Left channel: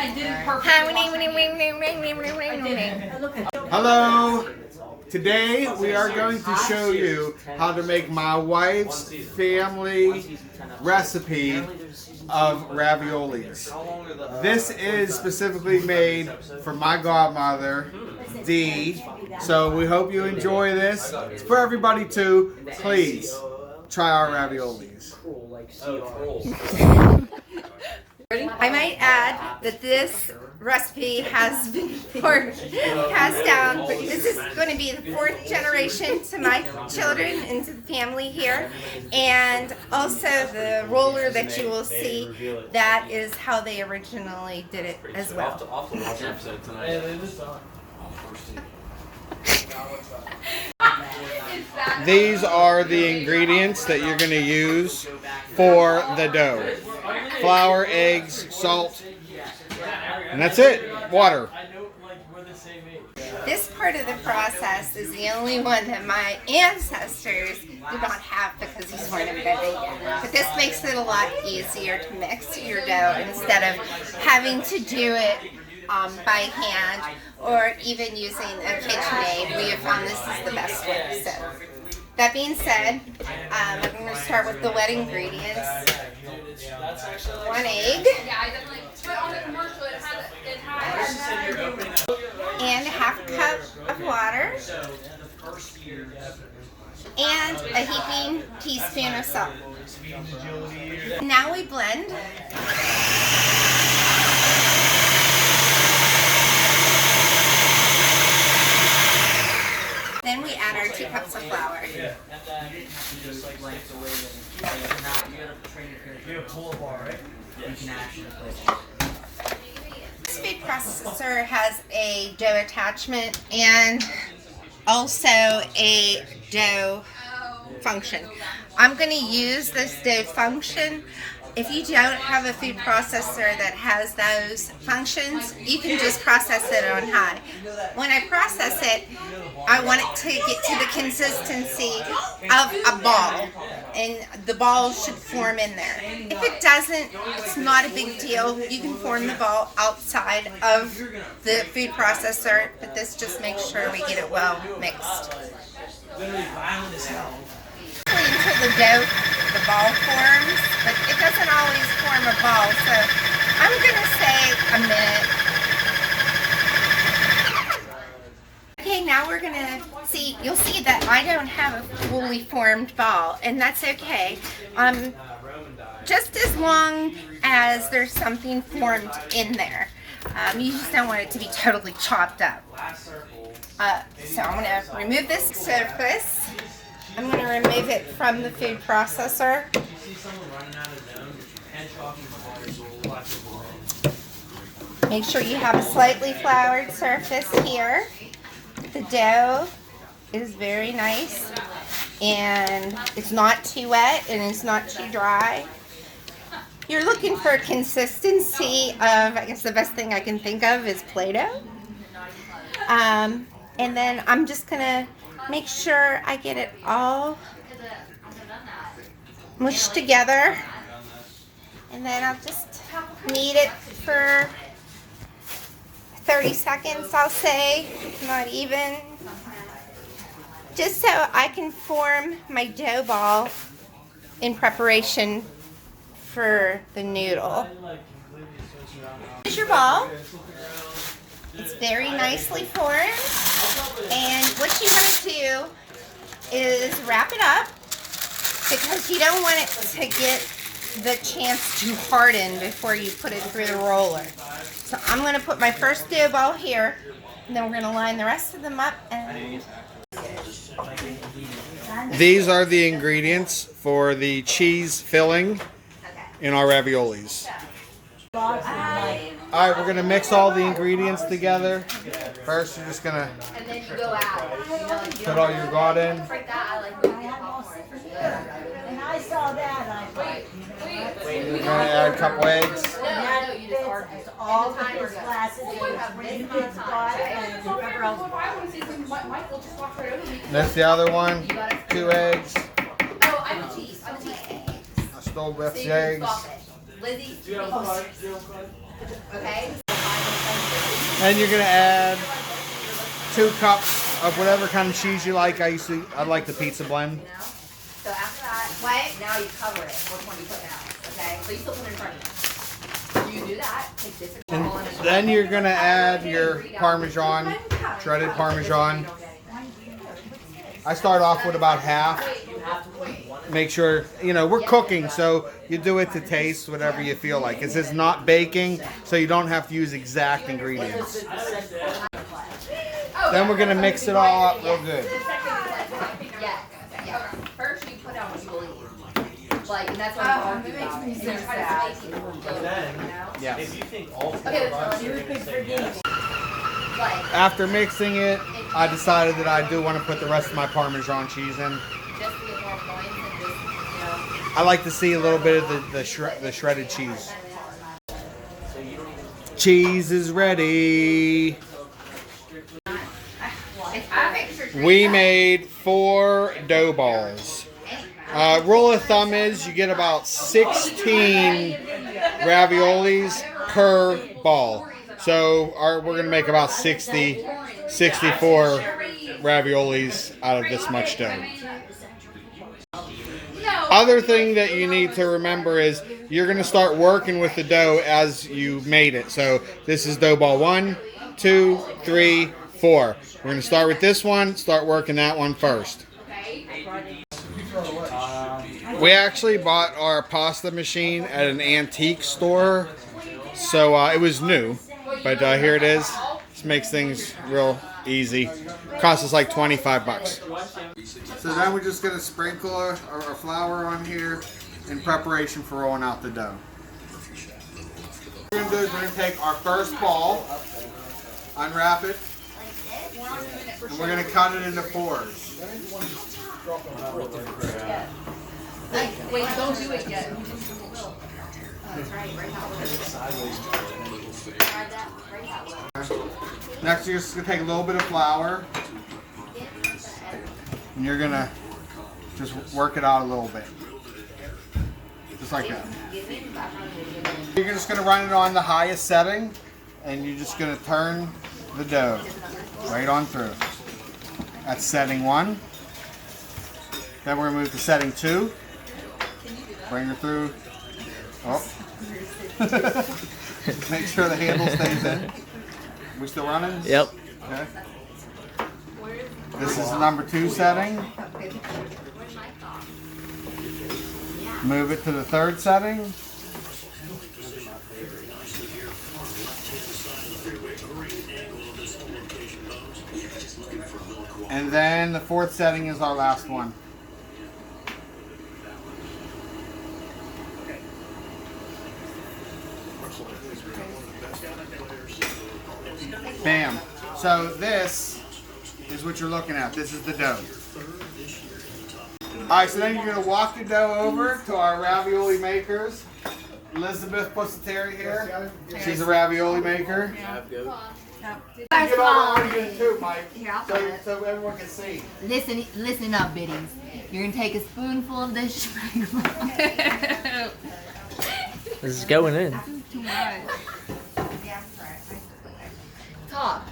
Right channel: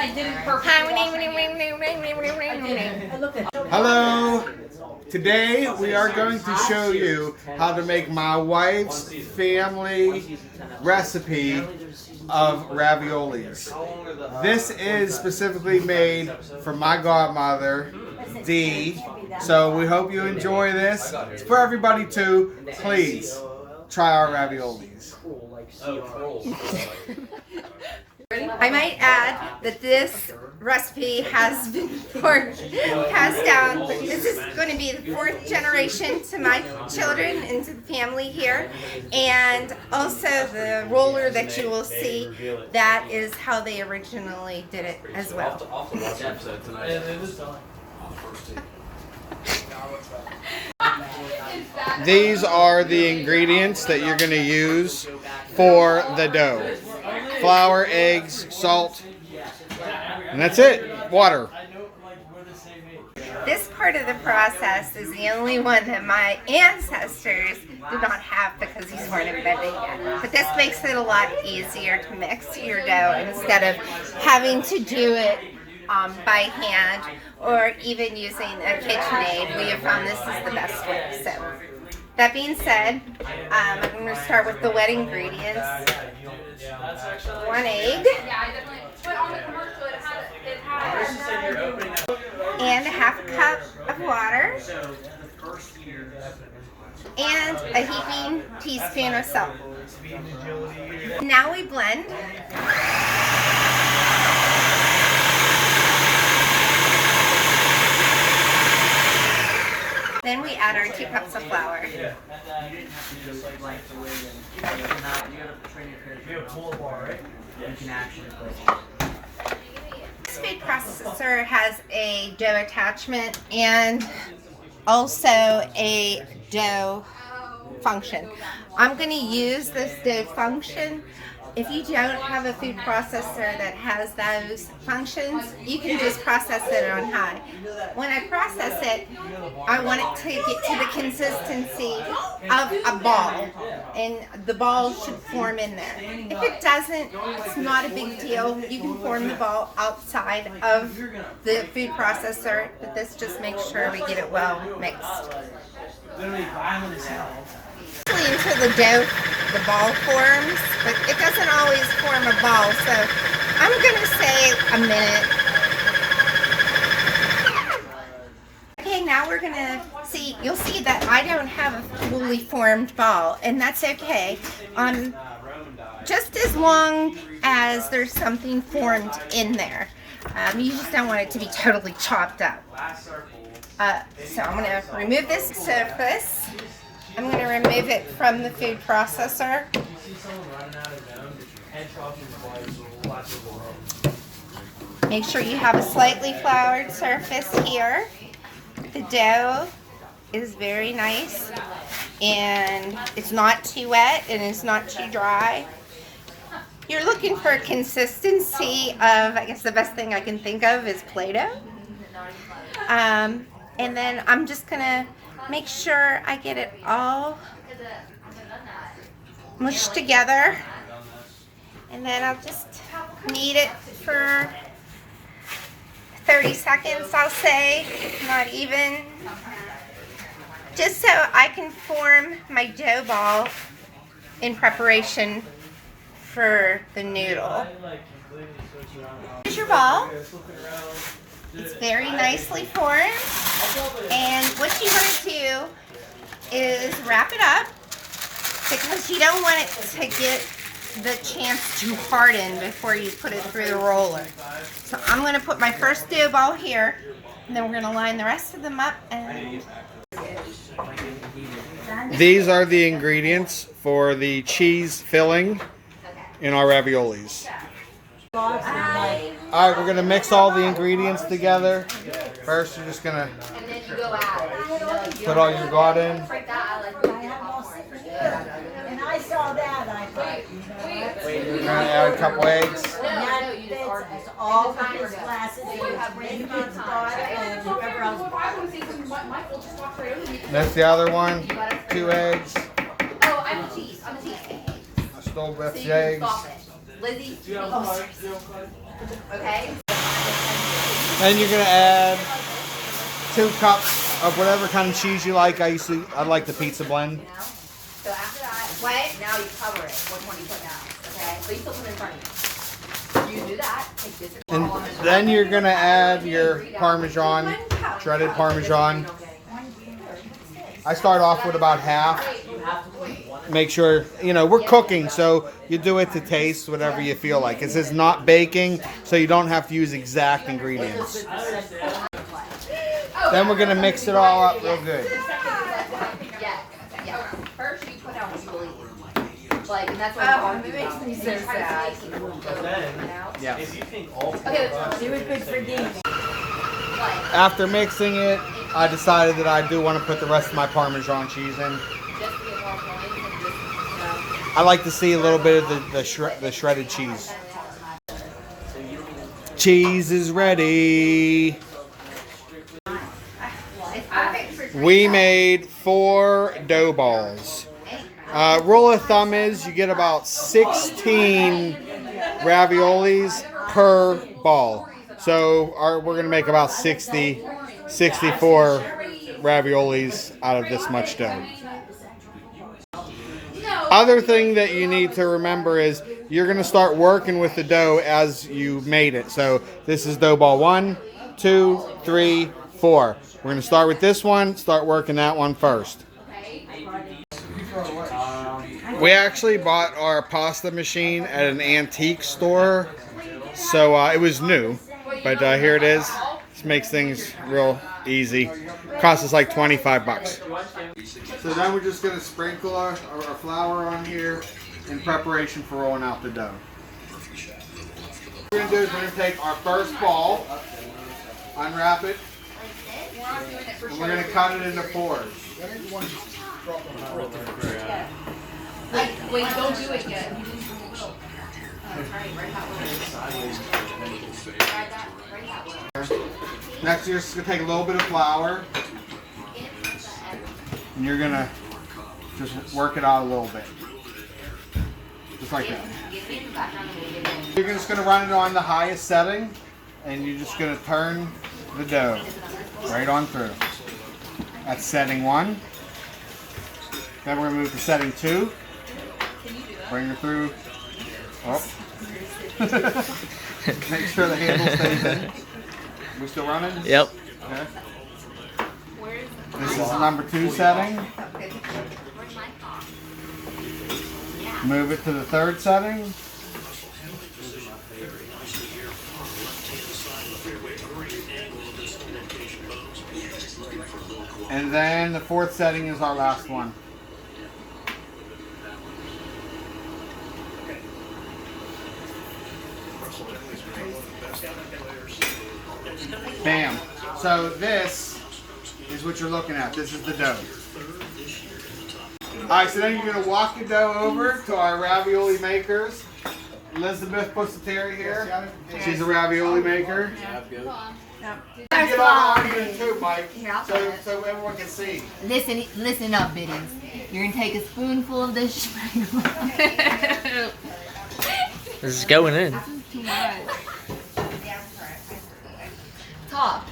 I did it perfect. Hello. Today we are going to show you how to make my wife's family recipe of raviolis. This is specifically made for my godmother, Dee. So we hope you enjoy this. It's for everybody too. Please try our raviolis. I might add that this recipe has been passed down. This is going to be the 4th generation to my children and to the family here. And also the roller that you will see, that is how they originally did it as well. These are the ingredients that you're going to use for the dough. Flour, eggs, salt, and that's it. Water. This part of the process is the only one that my ancestors did not have because these weren't invented yet. But this makes it a lot easier to mix your dough instead of having to do it by hand or even using a KitchenAid. We have found this is the best way. So that being said, I'm going to start with the wet ingredients. 1 egg. And a half a cup of water. And a heaping teaspoon of salt. Now we blend. Then we add our 2 cups of flour. This food processor has a dough attachment and also a dough function. I'm going to use this dough function. If you don't have a food processor that has those functions, you can just process it on high. When I process it, I want it to get to the consistency of a ball, and the ball should form in there. If it doesn't, it's not a big deal. You can form the ball outside of the food processor, but this just makes sure we get it well mixed. Until the ball forms, but it doesn't always form a ball, so I'm going to say a minute. Okay, now we're going to see, you'll see that I don't have a fully formed ball, and that's okay. Just as long as there's something formed in there. You just don't want it to be totally chopped up. So I'm going to remove this surface. I'm going to remove it from the food processor. Make sure you have a slightly floured surface here. The dough is very nice and it's not too wet and it's not too dry. You're looking for consistency of, I guess the best thing I can think of is Play-Doh. And then I'm just going to make sure I get it all mushed together, and then I'll just knead it for 30 seconds, I'll say, not even, just so I can form my dough ball in preparation for the noodle. Here's your ball. It's very nicely formed, and what you want to do is wrap it up because you don't want it to get the chance to harden before you put it through the roller. So I'm going to put my first dough ball here, and then we're going to line the rest of them up. And These are the ingredients for the cheese filling in our raviolis. Alright, we're going to mix all the ingredients together. First, you're just going to put all your God in. We're going to add a couple eggs. That's the other one. 2 eggs. I stole Beth's eggs. Lizzie, okay. And you're gonna add 2 cups of whatever kind of cheese you like. I like the pizza blend. So after that, now you cover it. Which one you put now? Okay? So you still put it in front of you. You do that. Take this And then you're gonna add your Parmesan, shredded Parmesan. I start off with about half. Make sure, you know, we're cooking, so you do it to taste, whatever you feel like. This is not baking, so you don't have to use exact ingredients. Then we're gonna mix it all up real good. Yeah. First you put out what you will eat. Like, and that's why I'm going to make so sad. Yeah. Okay, let's do it for games. After mixing it, I decided that I do want to put the rest of my Parmesan cheese in. Just to get more points and just, you know. I like to see a little bit of the shredded cheese. Cheese is ready. We made 4 dough balls. Rule of thumb is you get about 16 raviolis per ball. So we're going to make about 64 raviolis out of this much dough. Other thing that you need to remember is you're going to start working with the dough as you made it. So this is dough ball 1, 2, 3, 4. We're going to start with this one, start working that one first. We actually bought our pasta machine at an antique store. So it was new, but here it is. This makes things real easy. Cost us like 25 bucks. So then we're just going to sprinkle our flour on here in preparation for rolling out the dough. What we're going to do is we're going to take our first ball, unwrap it, and we're going to cut it into 4s. Wait, don't do it yet. Next, you're just going to take a little bit of flour, and you're going to just work it out a little bit. Just like that. You're just going to run it on the highest setting, and you're just going to turn the dough right on through. That's setting 1. Then we're going to move to setting 2. Bring her through. Oh. Make sure the handle stays in. We still running? Yep. Okay. This is the number 2 setting. Move it to the 3rd setting. And then the 4th setting is our last one. Bam. So this is what you're looking at. This is the dough. Alright, so then you're going to walk the dough over to our ravioli makers. Elizabeth Pussateri here. She's a ravioli maker. Get on you too, Mike, so everyone can see. Listen up, biddies. You're gonna take a spoonful of this schmegma. This is going in. Too much. Top.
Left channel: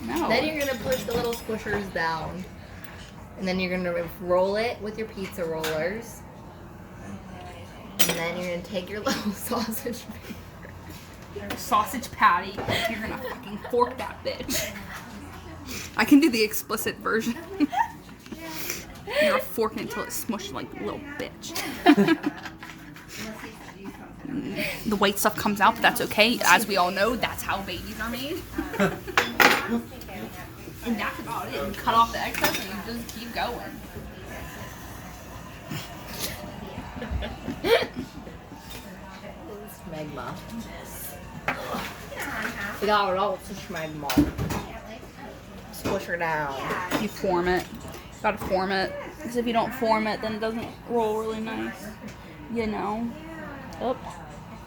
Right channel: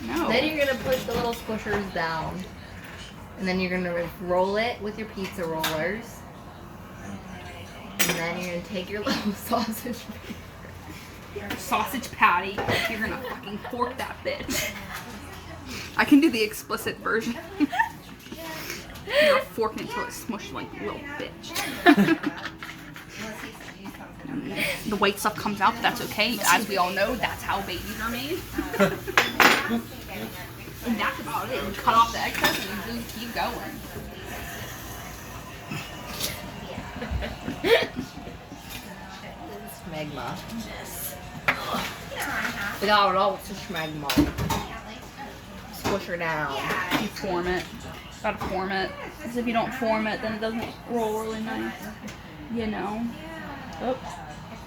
No. Then you're gonna push the little squishers down, and then you're gonna roll it with your pizza rollers, and then you're gonna take your little sausage patty. You're gonna fucking fork that bitch. I can do the explicit version. You're gonna fork it until it's smushed like a little bitch. The white stuff comes out, but that's okay. As we all know, that's how babies are made. And that's about it. You cut off the excess and you just keep going. schmegma. We got it all to schmegma. Squish her down. You form it. Gotta form it. Because if you don't form it, then it doesn't roll really nice. You know? Oh.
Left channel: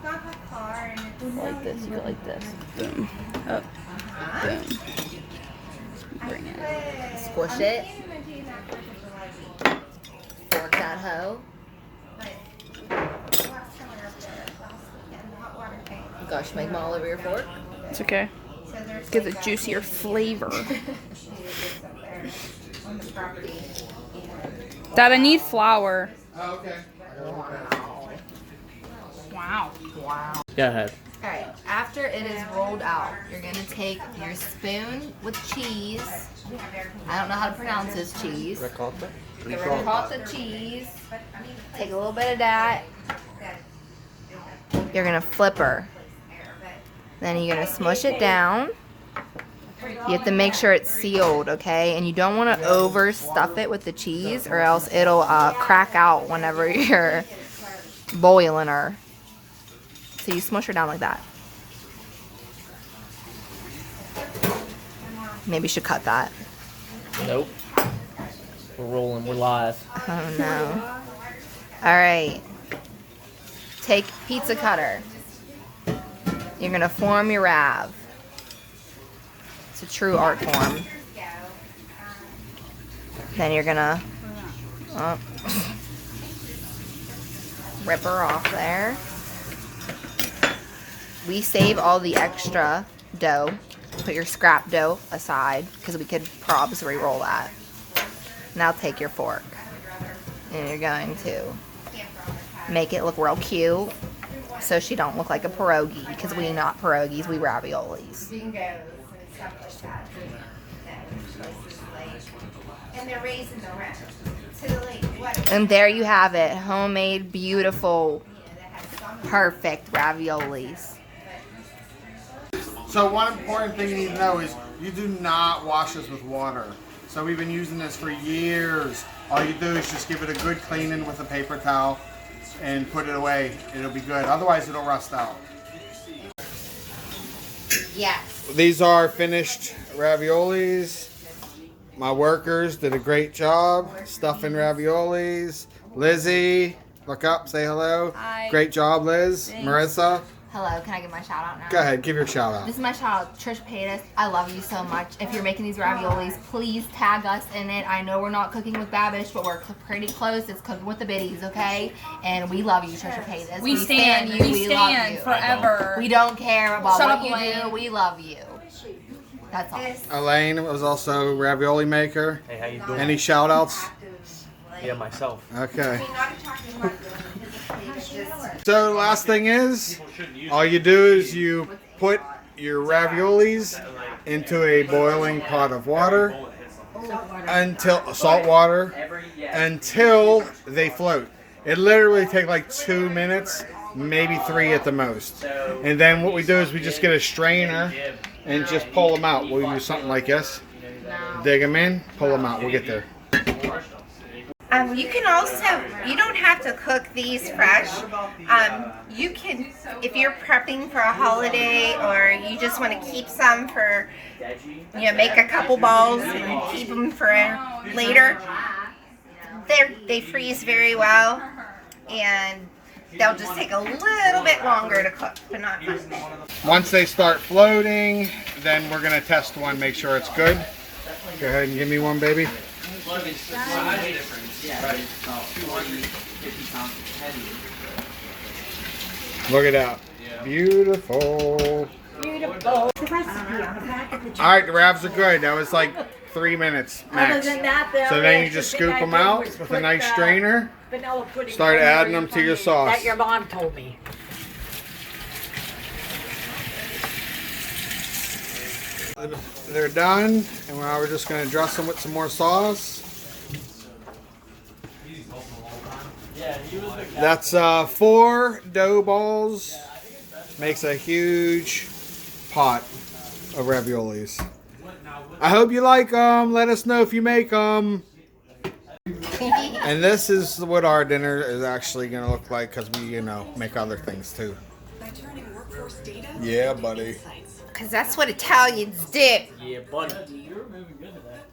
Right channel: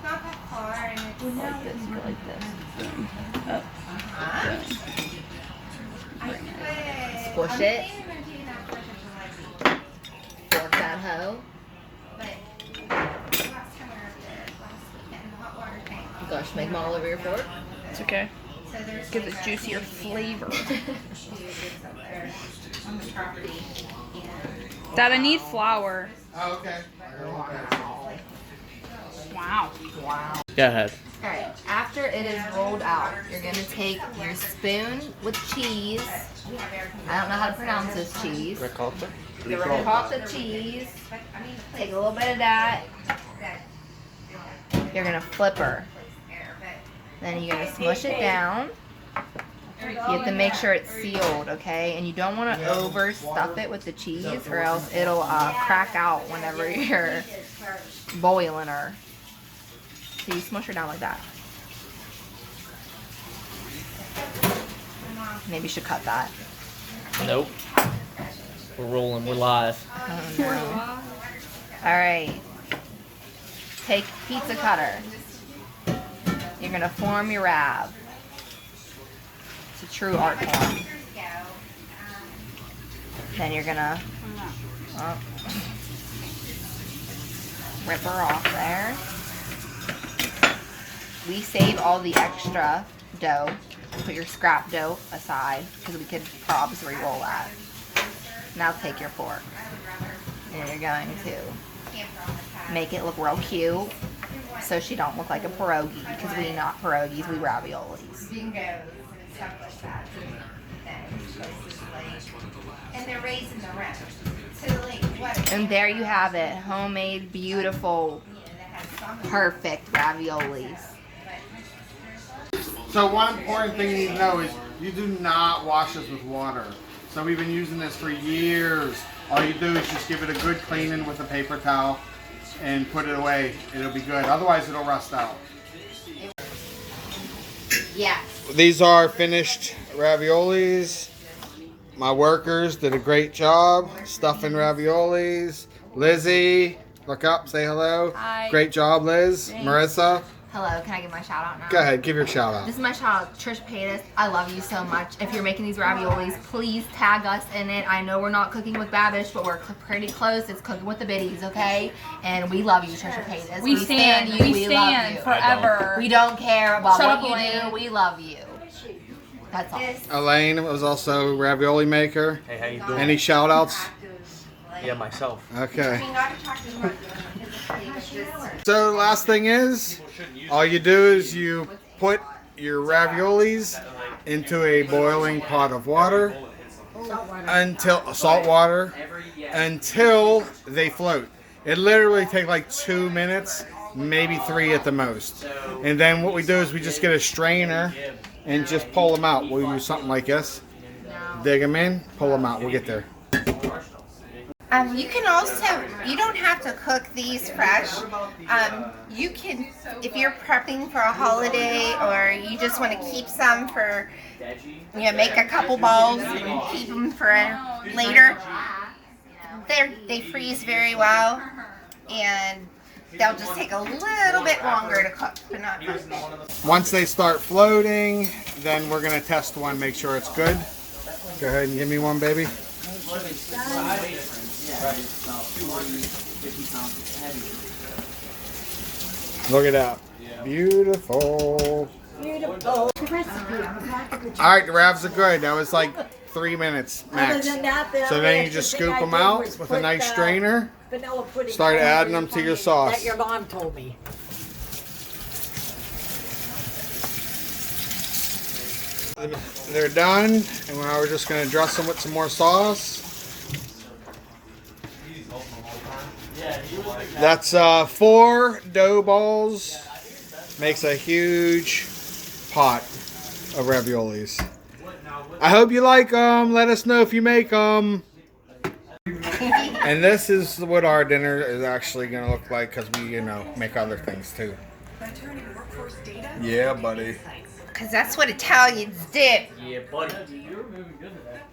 Like this, go like this. Boom. Up. Boom. Bring it. Squish it. Fork that hoe. You got schmegma all over your fork. It's okay. Gives a juicier flavor. Dad, I need flour. Oh, okay. Wow. Wow. Go ahead. Alright, after it is rolled out, you're gonna take your spoon with cheese. I don't know how to pronounce this cheese. Ricotta. The ricotta cheese. Take a little bit of that. You're gonna flip her. Then you're gonna smush it down. You have to make sure it's sealed, okay? And you don't want to overstuff it with the cheese, or else it'll crack out whenever you're boiling her. So you smush her down like that. Maybe you should cut that. Nope. We're rolling. We're live. Oh no. Alright. Take pizza cutter. You're gonna form your rav. It's a true art form. Then you're gonna rip her off there. We save all the extra dough. Put your scrap dough aside because we could probs re-roll that. Now take your fork and you're going to make it look real cute so she don't look like a pierogi, because we not pierogies, we raviolis. And there you have it, homemade, beautiful, perfect raviolis. So one important thing you need to know is you do not wash this with water. So we've been using this for years. All you do is just give it a good cleaning with a paper towel and put it away. It'll be good. Otherwise it'll rust out. Yes. These are finished raviolis. My workers did a great job stuffing raviolis. Lizzie, look up, say hello. Hi. Great job, Liz. Thanks. Marissa, Hello, can I give my shout out now? go ahead, give your shout out. This is my shout out, Trisha Paytas. I love you so much. If you're making these raviolis, please tag us in it. I know we're not cooking with Babish, but we're pretty close. It's cooking with the biddies, okay? And we love you, Trisha Paytas. We stand you. we love stand you. forever. We don't care about Shut what up, you Elaine. do. We love you. That's all. Elaine was also ravioli maker. Hey, how you doing? Any shout outs? Yeah, myself. Okay. So the last thing is, all you do is you put your raviolis into a boiling pot of water until salt water until they float. It literally takes like 2 minutes, maybe 3 at the most. And then what we do is we just get a strainer and just pull them out. We'll use something like this. Dig them in, pull them out. We'll get there. You can also, you don't have to cook these fresh. You can, if you're prepping for a holiday or you just want to keep some for, you know, make a couple balls and keep them for later. They freeze very well and they'll just take a little bit longer to cook, but not very big. Once they start floating, then we're going to test one, make sure it's good. Go ahead and give me one, baby. Look at that. Beautiful. Alright, the ravs are good. That was like 3 minutes max. So then you just scoop them out with a nice strainer. Start adding them to your sauce. That your mom told me. They're done, and now we're just going to dress them with some more sauce. That's 4 dough balls. Makes a huge pot of raviolis. I hope you like them. Let us know if you make them. And this is what our dinner is actually going to look like, because we, you know, make other things too. Yeah, buddy. Because that's what Italians do. Yeah, buddy. You're moving good to that.